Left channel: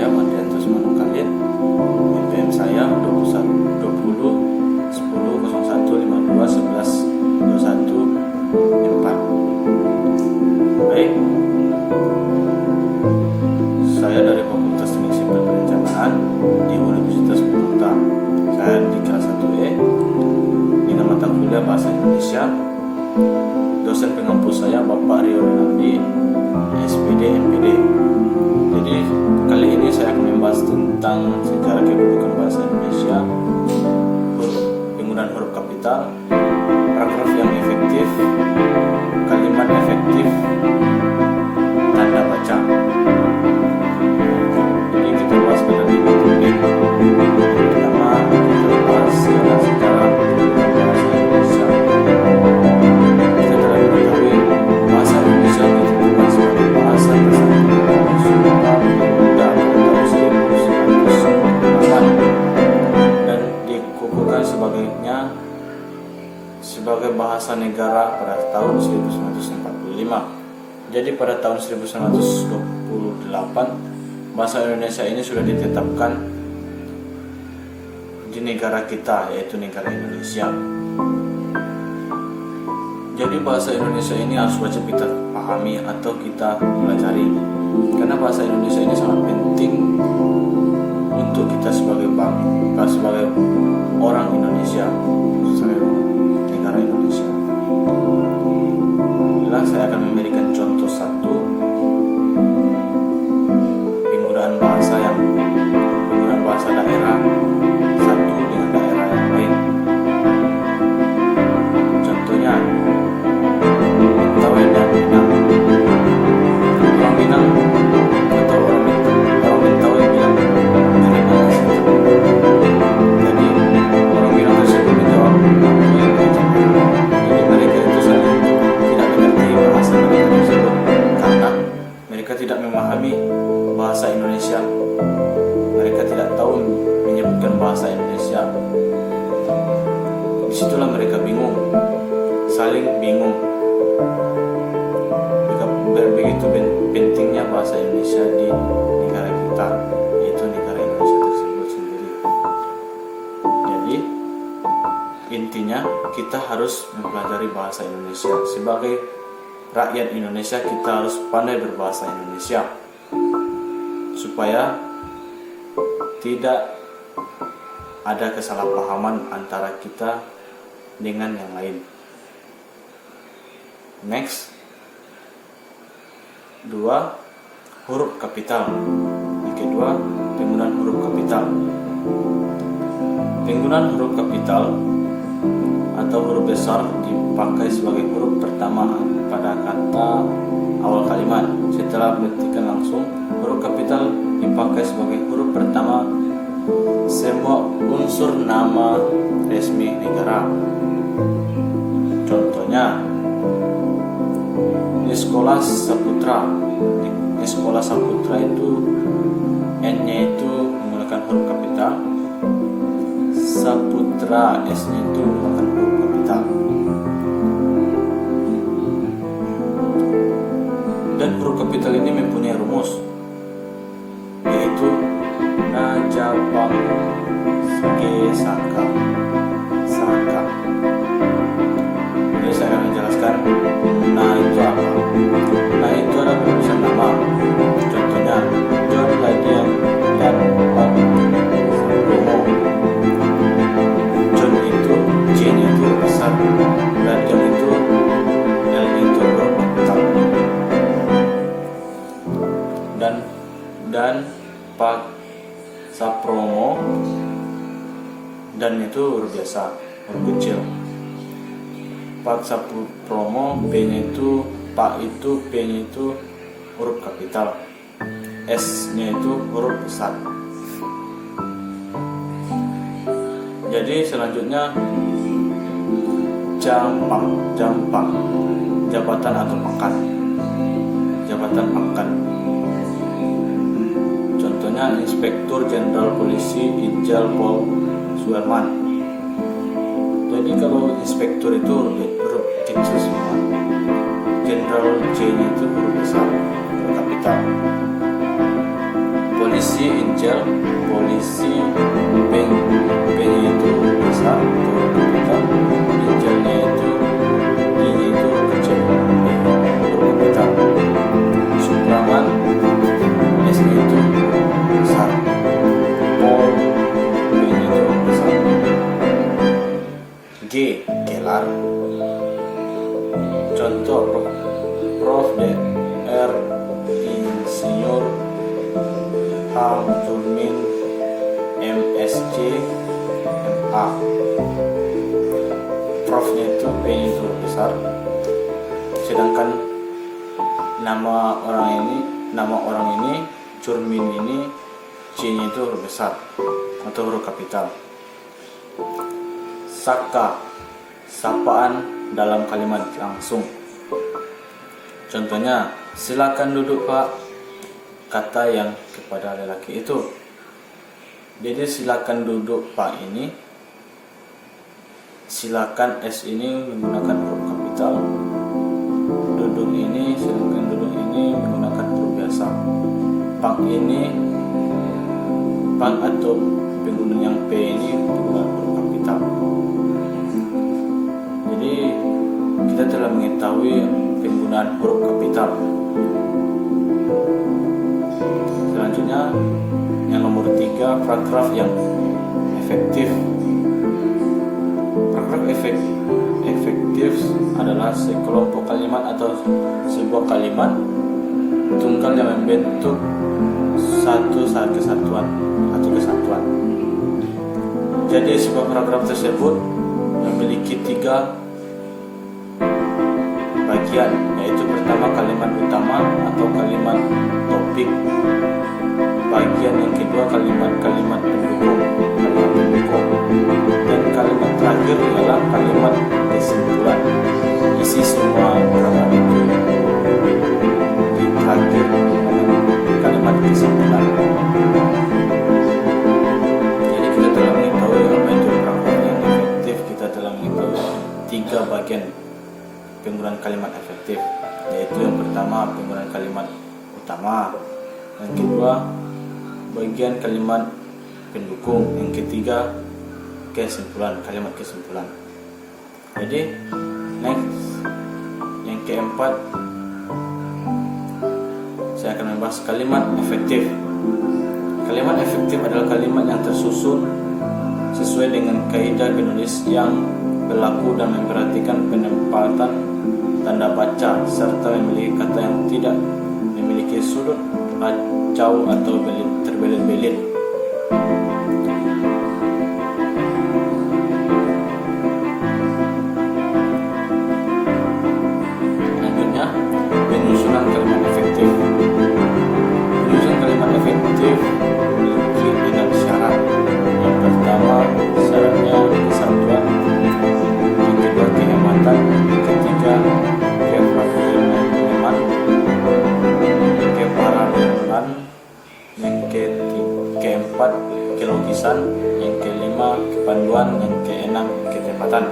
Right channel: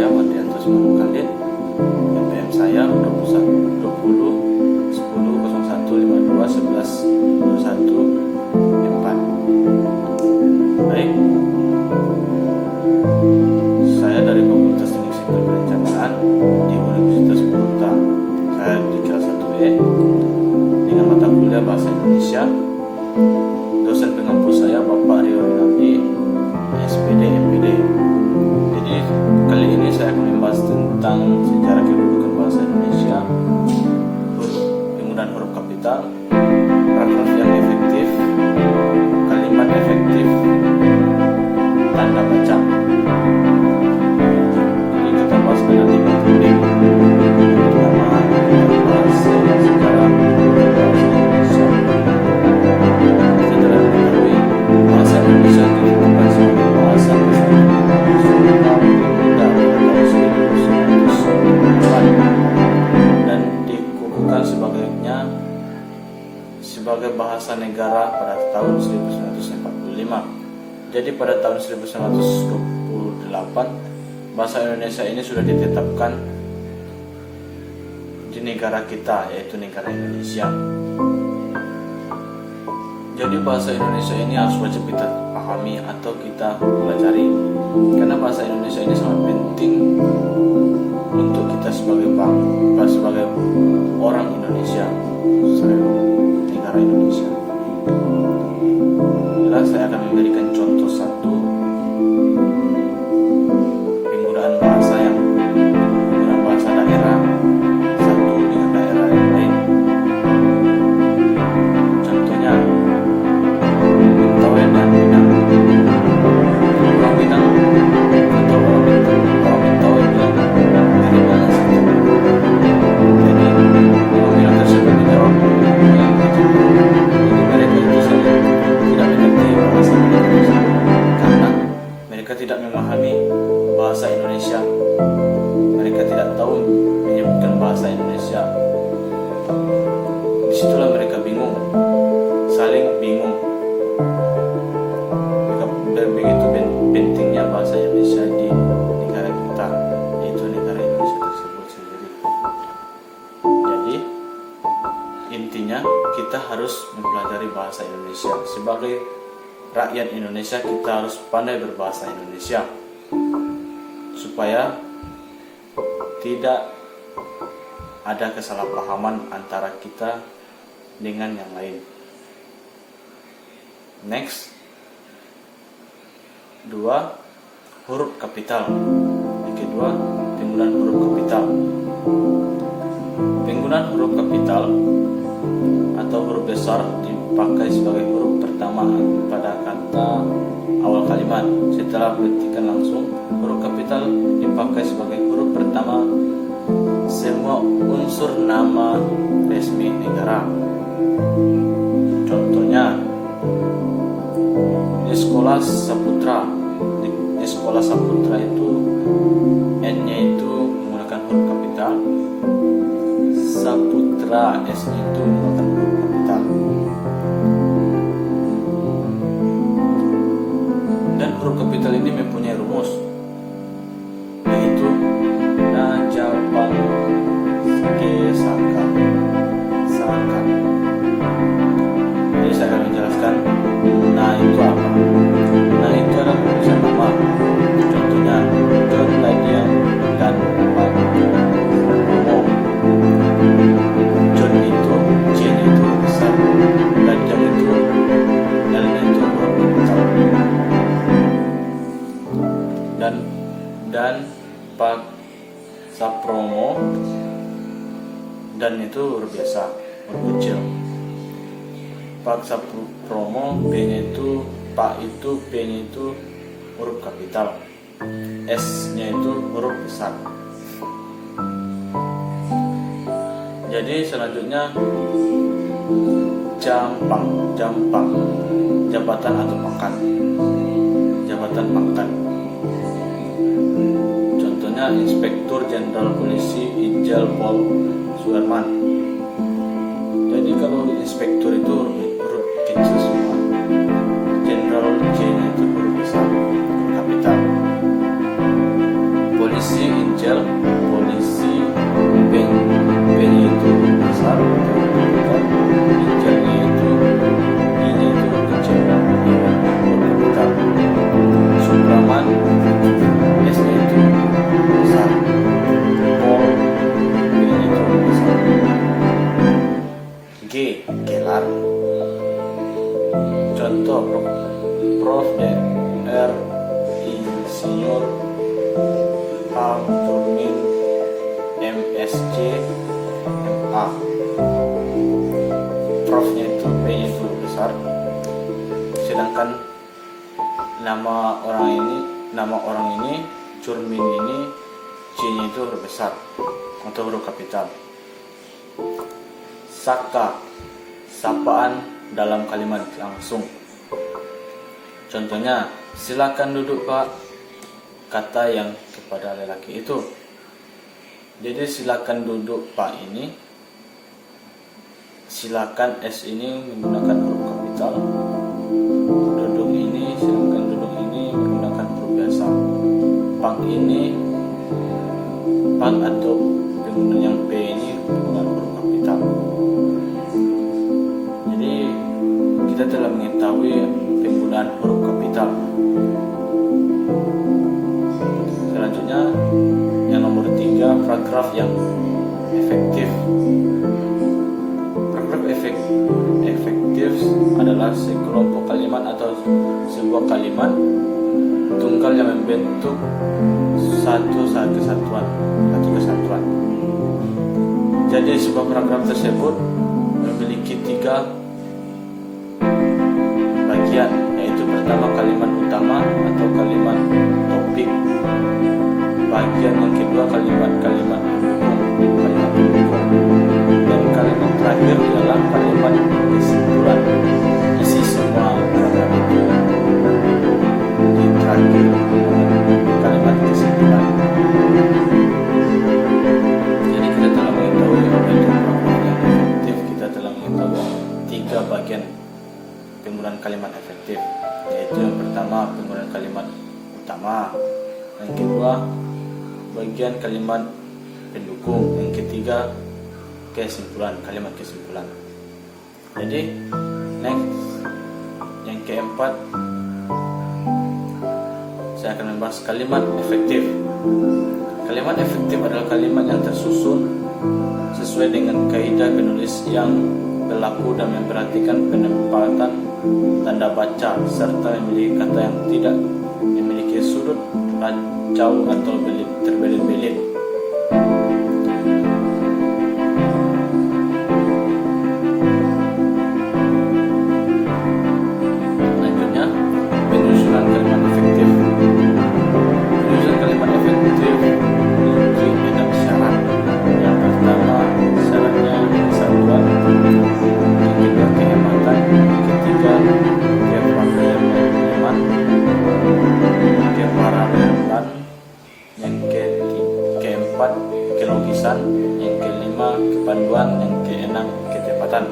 saya Mardianto Sumanung Khalid. NPM saya 20 10 01 52 11 21 4. Baik, saya dari Fakultas Teknik Sipil Perencanaan di Universitas Unpad. Saya di kelas 1E dengan mata kuliah Bahasa Indonesia. Dosen pengampu saya Bapak Rio Rinaldi, SPD MPD. Jadi kali ini saya akan membahas tentang sejarah kedudukan bahasa Indonesia, penggunaan huruf kapital, paragraf yang efektif, kalimat efektif, tanda baca. Jadi kita bahas pada 5 topik. Yang pertama kita bahas sejarah kedudukan bahasa Indonesia. Kita telah mengetahui bahasa Indonesia ditentukan sebagai bahasa kesatuan Sunda Pemuda pada tahun 1908 dan dikukuhkan sebagai bahasa negara pada tahun 1945. Jadi pada tahun 1928 bahasa Indonesia ini sudah ditetapkan di negara kita, yaitu negara Indonesia. Jadi bahasa Indonesia ini harus wajib kita pahami atau kita pelajari, karena bahasa Indonesia ini sangat penting untuk kita sebagai bangsa, sebagai orang Indonesia, sebagai negara Indonesia. Bila saya akan memberikan contoh satu penggunaan bahasa daerah satu dengan daerah yang lain. Contohnya Mentawai dan Minang. Orang Minang atau orang Mentawai bilang dari mana saja. Jadi orang Minang tersebut menjawab apa yang diucapkan. Jadi mereka itu saling tidak mengerti bahasa mereka tersebut karena mereka tidak memahami bahasa Indonesia. Mereka tidak tahu menyebutkan bahasa Indonesia. Disitulah mereka bingung, saling bingung. Begitu pentingnya bahasa Indonesia di negara kita, yaitu negara Indonesia tersebut sendiri. Jadi intinya kita harus mempelajari bahasa Indonesia. Sebagai rakyat Indonesia kita harus pandai berbahasa Indonesia supaya tidak ada kesalahpahaman antara kita dengan yang lain. Next, 2. Huruf kapital. Yang kedua, penggunaan huruf kapital. Penggunaan huruf kapital atau huruf besar dipakai sebagai huruf pertama pada kata awal kalimat. Setelah petikan langsung, huruf kapital dipakai sebagai huruf pertama semua unsur nama resmi negara. Contohnya di Sekolah Saputra. Di Sekolah Saputra itu N-nya itu menggunakan huruf kapital, Saputra S-nya itu menggunakan huruf kapital. Dan huruf kapital ini mempunyai rumus, yaitu Najabang Ge Saka. Jadi saya akan menjelaskan nah itu apa. Nah itu adalah perubahan nama. Contohnya John Ladian dan Pak Sapromo. John itu J-nya itu besar, Ladian itu L-nya itu kapital. Dan Pak Sapromo, dan itu huruf biasa, huruf kecil. Pak Sapromo, P-nya itu, Pak itu, P-nya itu huruf kapital, S-nya itu huruf besar. Jadi selanjutnya Jampang, jabatan atau pangkat, jabatan pangkat. Contohnya Inspektur Jenderal Polisi Ijal Pol Suherman. Jadi kalau inspektur itu huruf kecil semua, jenderal J-nya itu huruf besar, huruf kapital. polisi, injil, polisi, P-nya itu besar atau kapital, injilnya itu I-nya itu kecil, huruf kapital. Supraman, S-nya itu besar, Pol, P-nya itu besar. G, gelar. Contoh Prof. Dr. Insinyur H. Jurmin MSc MA. Prof-nya itu P-nya itu besar, sedangkan nama orang ini Jurmin ini C-nya itu huruf besar atau huruf kapital. Saka, sapaan dalam kalimat langsung. Contohnya, silakan duduk Pak, kata yang kepada lelaki itu. Jadi silakan duduk Pak ini, silakan S ini menggunakan huruf kapital, duduk ini, silakan duduk ini menggunakan huruf biasa. Pang atau pengguna yang P ini menggunakan huruf kapital. Jadi kita telah mengetahui penggunaan huruf kapital. Selanjutnya yang nomor 3, paragraf yang efektif. Paragraf efektif adalah sekelompok kalimat atau sebuah kalimat tunggal yang membentuk satu kesatuan. Jadi sebuah paragraf tersebut memiliki 3 bagian, yaitu pertama kalimat utama atau kalimat topik, bagian yang kedua kalimat pendukung, dan kalimat terakhir ialah kalimat kesimpulan. Isi semua paragraf itu di terakhir dengan kalimat kesimpulan. Jadi kita telah mengetahui apa itu paragraf yang efektif. Kita telah mengetahui 3 bagian penggunaan kalimat efektif, yaitu yang pertama penggunaan kalimat utama, yang kedua bagian kalimat pendukung, yang ketiga kalimat kesimpulan. Jadi next, yang keempat, saya akan membahas kalimat efektif. Kalimat efektif adalah kalimat yang tersusun sesuai dengan kaidah penulis yang berlaku dan memperhatikan penempatan tanda baca serta memiliki kata yang tidak memiliki sudut racau atau terbelit-belit. Selanjutnya, penyusunan kalimat efektif. Penyusunan kalimat efektif memiliki 6 syarat. Yang pertama, syaratnya kesatuan. Yang kedua, kehematan. Yang ketiga, keparalelan. Yang keempat, kelogisan. Yang kelima, kepanduan. Yang keenam, ketepatan.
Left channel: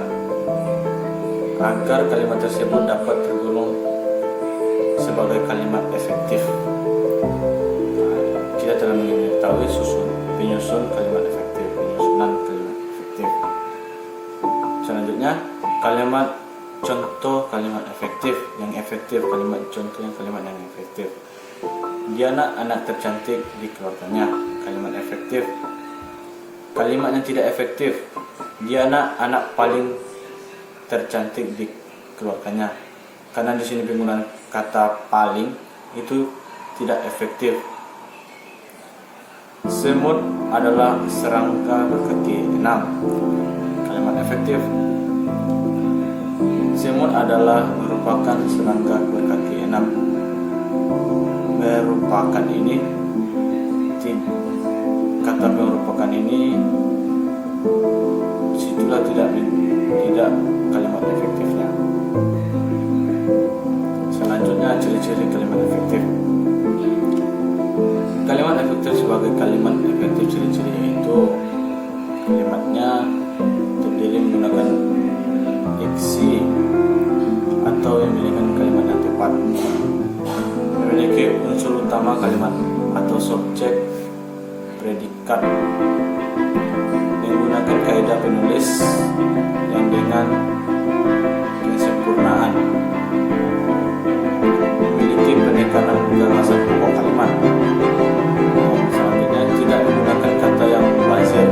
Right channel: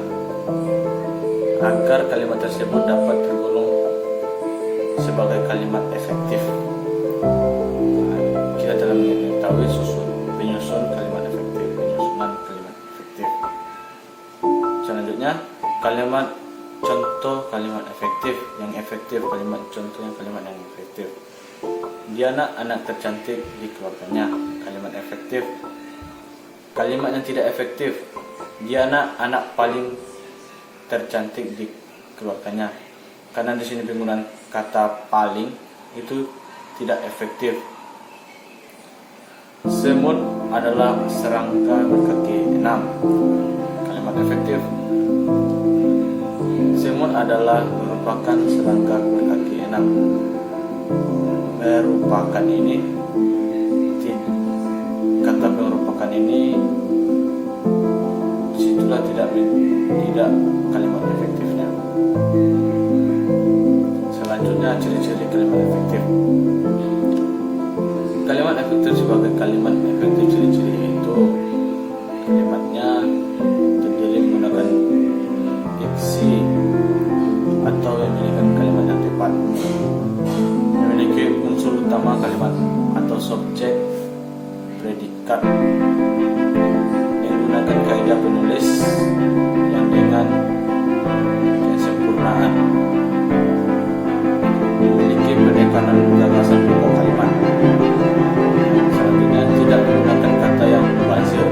Agar kalimat tersebut dapat tergolong sebagai kalimat efektif, kita telah mengetahui penyusunan kalimat efektif. Selanjutnya, kalimat contoh kalimat efektif. Yang efektif, kalimat contoh yang kalimat yang efektif. Diana anak tercantik di keluarganya, kalimat efektif. Kalimat yang tidak efektif, Diana anak paling tercantik di keluarganya. Karena di sini penggunaan kata paling itu tidak efektif. Semut adalah serangga berkaki 6, kalimat efektif. Semut adalah merupakan serangga berkaki 6. Merupakan ini, kata merupakan ini situlah tidak kalimat efektifnya. Selanjutnya, ciri-ciri kalimat efektif. Kalimat efektif sebagai kalimat efektif, ciri-ciri itu kalimatnya terdiri menggunakan diksi atau memiliki kalimat yang tepat, memiliki unsur utama kalimat atau subjek predikat menggunakan kaidah penulis yang dengan kesempurnaan memiliki penekanan gagasan pokok kalimat. Yang selanjutnya tidak menggunakan kata yang mubazir.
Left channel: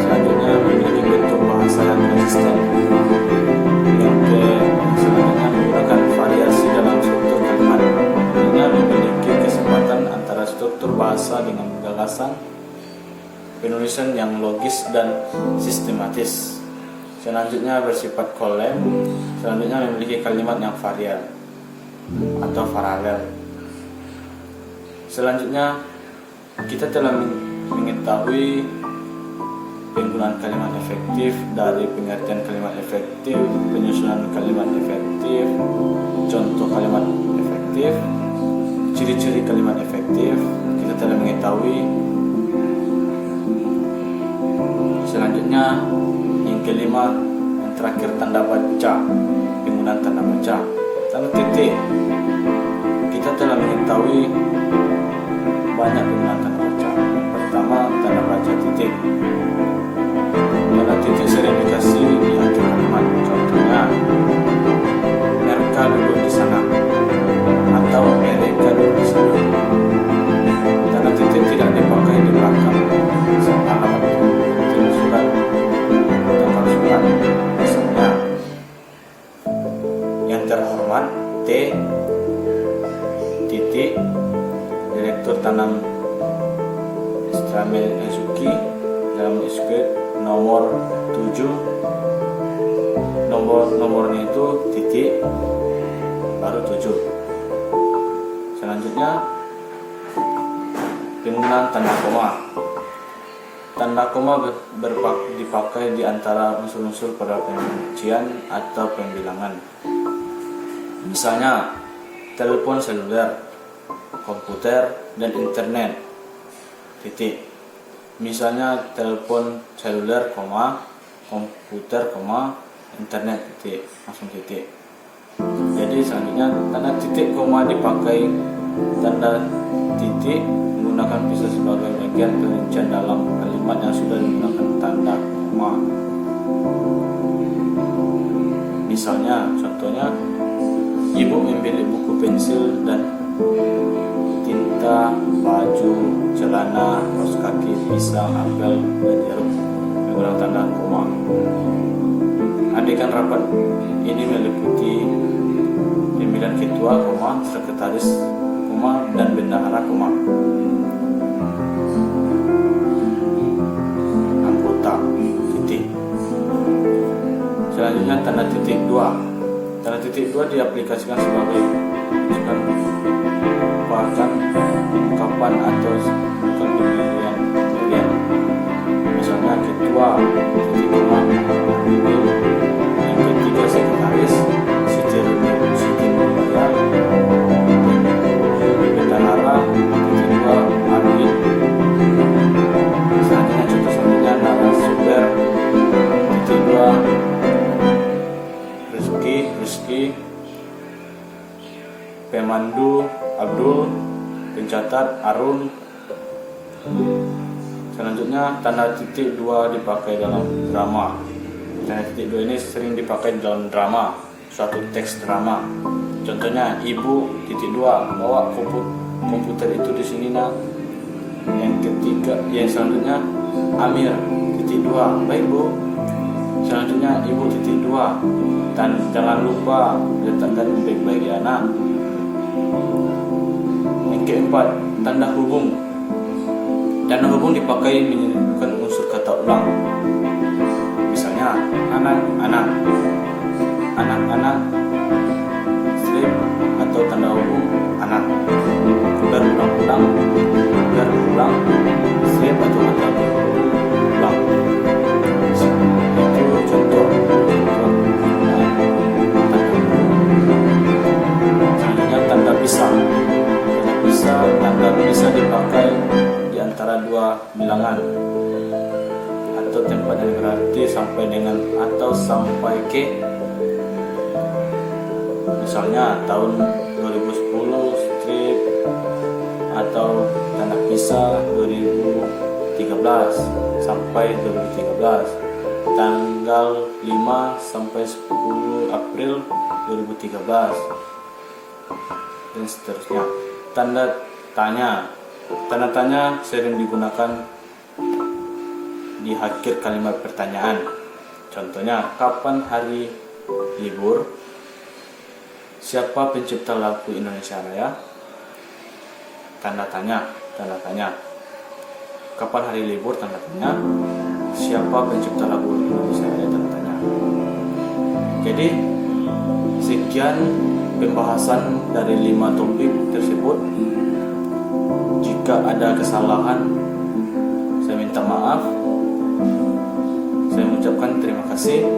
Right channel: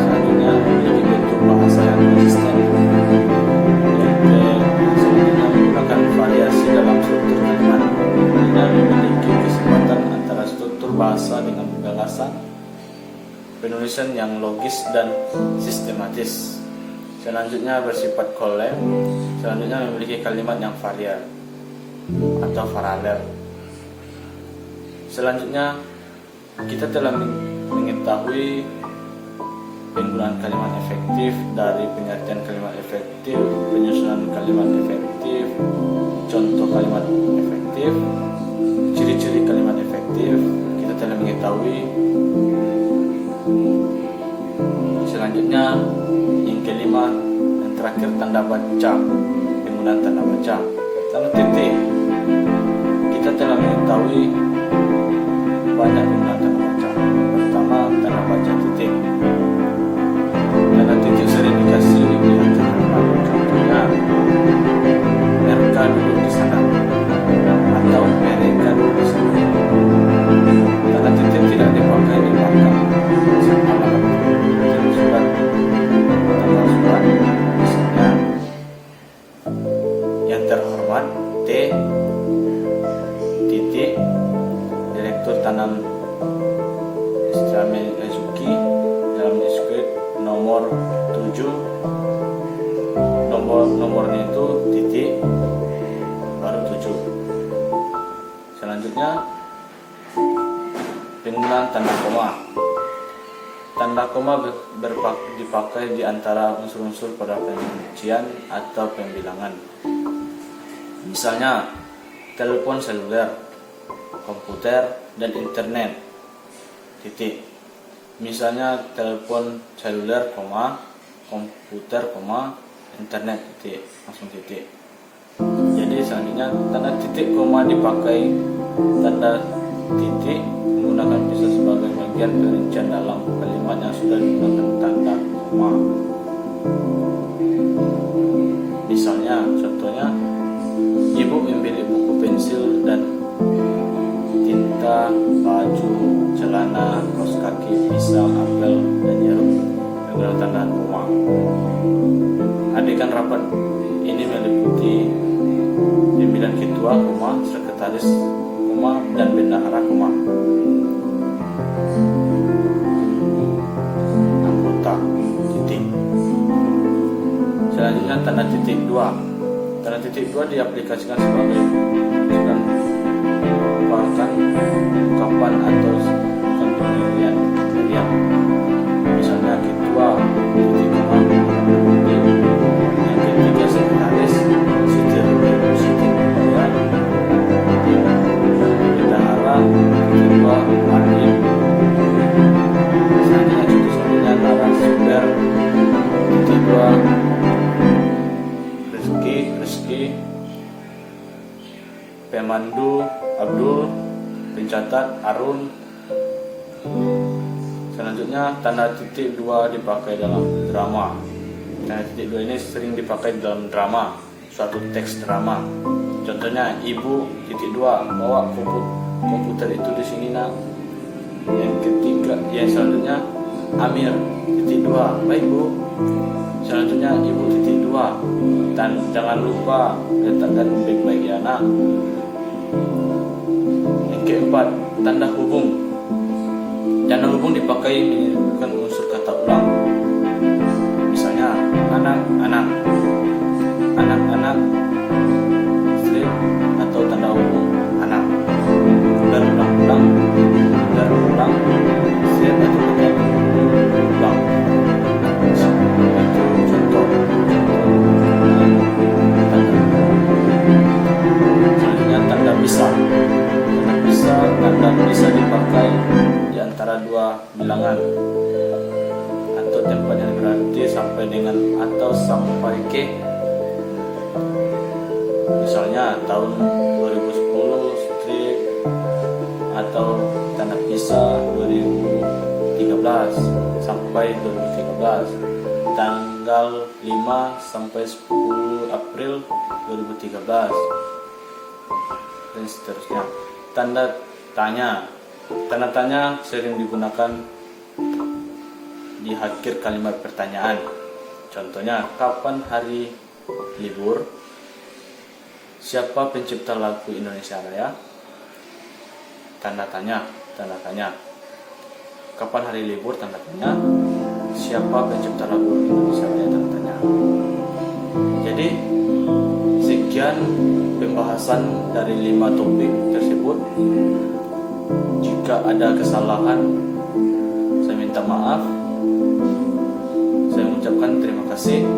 Selanjutnya memiliki bentuk bahasa yang konsisten. Yang selanjutnya menggunakan variasi dalam struktur kalimat. Selanjutnya memiliki kesempatan antara struktur bahasa dengan gagasan penulisan yang logis dan sistematis. Selanjutnya bersifat kolem. Selanjutnya memiliki kalimat yang varian atau paralel. Selanjutnya kita telah mengetahui penggunaan kalimat efektif, dari pengertian kalimat efektif, penyusunan kalimat efektif, contoh kalimat efektif, ciri-ciri kalimat efektif. Kita telah mengetahui. Selanjutnya yang kelima, yang terakhir, tanda baca, penggunaan tanda baca. Tanda titik, kita telah mengetahui banyak penggunaan tanda baca. Pertama, tanda baca titik. Tanda titik sering dikasih di akhir kalimat. Contohnya, mereka duduk di sana atau mereka duduk di sana. Tanda titik tidak dipakai di belakang alamat surat, tanggal surat. Misalnya, yang terhormat T titik Direktur Tanam Stramel Ezuki dalam diskut nomor 7. Nomornya itu titik baru 7. Selanjutnya penggunaan tanda koma. Tanda koma dipakai di antara unsur-unsur pada perincian atau pembilangan. Misalnya, telepon seluler, komputer, dan internet. Titik. Misalnya, telepon seluler, komputer, internet, titik. Langsung titik. Jadi selanjutnya tanda titik koma dipakai. Tanda titik menggunakan bisa sebagai bagian perincian dalam kalimat yang sudah digunakan tanda koma. Misalnya, contohnya, ibu membeli buku pensil dan tinta, baju, celana, kaos kaki, pisang, apel, dan jeruk menggunakan tanda koma. Adegan rapat ini meliputi pemilihan ketua, sekretaris, dan bendahara, anggota, titik. Selanjutnya tanda titik 2. Tanda titik 2 diaplikasikan sebagai ungkapan atau pemilihan. Misalnya ketua, titik koma, ini. Yang ketiga sekretaris, Siti Nurbayar. Bendahara, titik 2, Arif. Selanjutnya contoh selanjutnya narasumber, titik 2, Rizki, pemandu, Abdul, pencatat, Arun. Selanjutnya tanda titik 2 dipakai dalam drama. Tanda titik 2 ini sering dipakai dalam drama, suatu teks drama. Contohnya, ibu, titik 2, bawa komputer itu di sini nak. Yang selanjutnya, Amir, titik 2, baik bu. Selanjutnya, ibu, titik 2, dan jangan lupa letakkan baik-baik ya nak. Yang keempat, tanda hubung. Tanda hubung dipakai menunjukkan unsur kata ulang. Misalnya, anak-anak, strip atau tanda hubung anak. Berulang-ulang, strip atau kata hubung ulang. Itu contoh tanda hubung. Selanjutnya tanda bisa. Tanda bisa dipakai di antara dua bilangan atau tempat yang berarti sampai dengan atau sampai ke. Misalnya tahun 2010 strip atau Tanah Pisah 2013 sampai 2013, tanggal 5 sampai 10 April 2013, dan seterusnya. Tanda tanya sering digunakan di akhir kalimat pertanyaan. Contohnya, kapan hari libur? Siapa pencipta lagu Indonesia Raya? Tanda tanya. Kapan hari libur? Tanda tanya. Siapa pencipta lagu Indonesia Raya? Tanda tanya. Jadi sekian pembahasan dari 5 topik tersebut. Jika ada kesalahan, saya minta maaf. Saya mengucapkan terima kasih.